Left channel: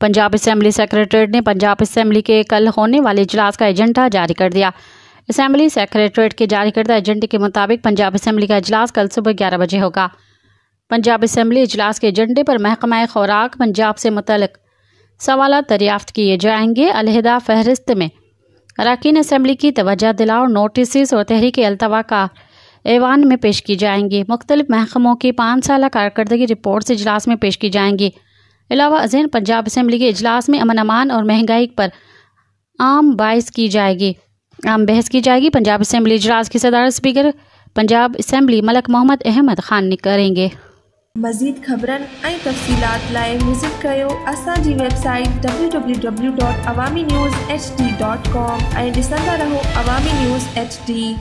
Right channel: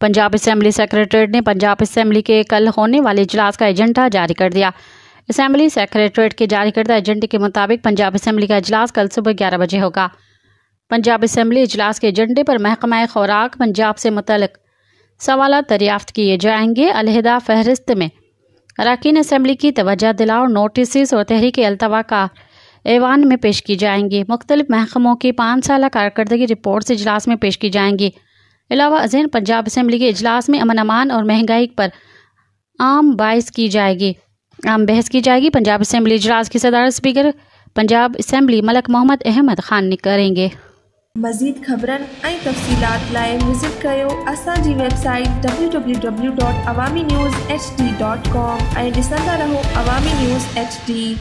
Punjab assembly secretariat ने Punjab assembly के कल होने वाले इजलास का एजेंडा जारी कर दिया। असम्बली सेक्रेटरीट के जारी करदा एजेंडे के मुताबिक पंजाब असम्बली का इजलास कल सुबह 11 बजे होगा। पंजाब असम्बली इजलास के एजेंडे पर महकमा खुराक पंजाब से मुतल्लिक सवाल दरियाफ्त किए जाएंगे। अलहदा फहरिस्त में अरकान असम्बली की तवज्जो दिलाओ नोटिस और तहरीक अल्तवा का ऐवान में पेश की जाएंगी। मुख्तलिफ महकमों की 5 साल कारकर्दगी रिपोर्ट्स इजलास में पेश की जाएंगी। अलावा अज़ीन पंजाब असम्बली के इजलास में अमन अमान और महंगाई पर आम बहस की जाएगी। पंजाब असम्बली इजलास की सदारत स्पीकर पंजाब असम्बली मलक मोहम्मद अहमद खान करेंगे। मज़ीद खबरन ऐं तफ़सीलात लाइ विज़िट कयो असांजी वेबसाइट www.awamiNewsHD.com ऐं ॾिसंदा रहो अवामी न्यूज़ HD।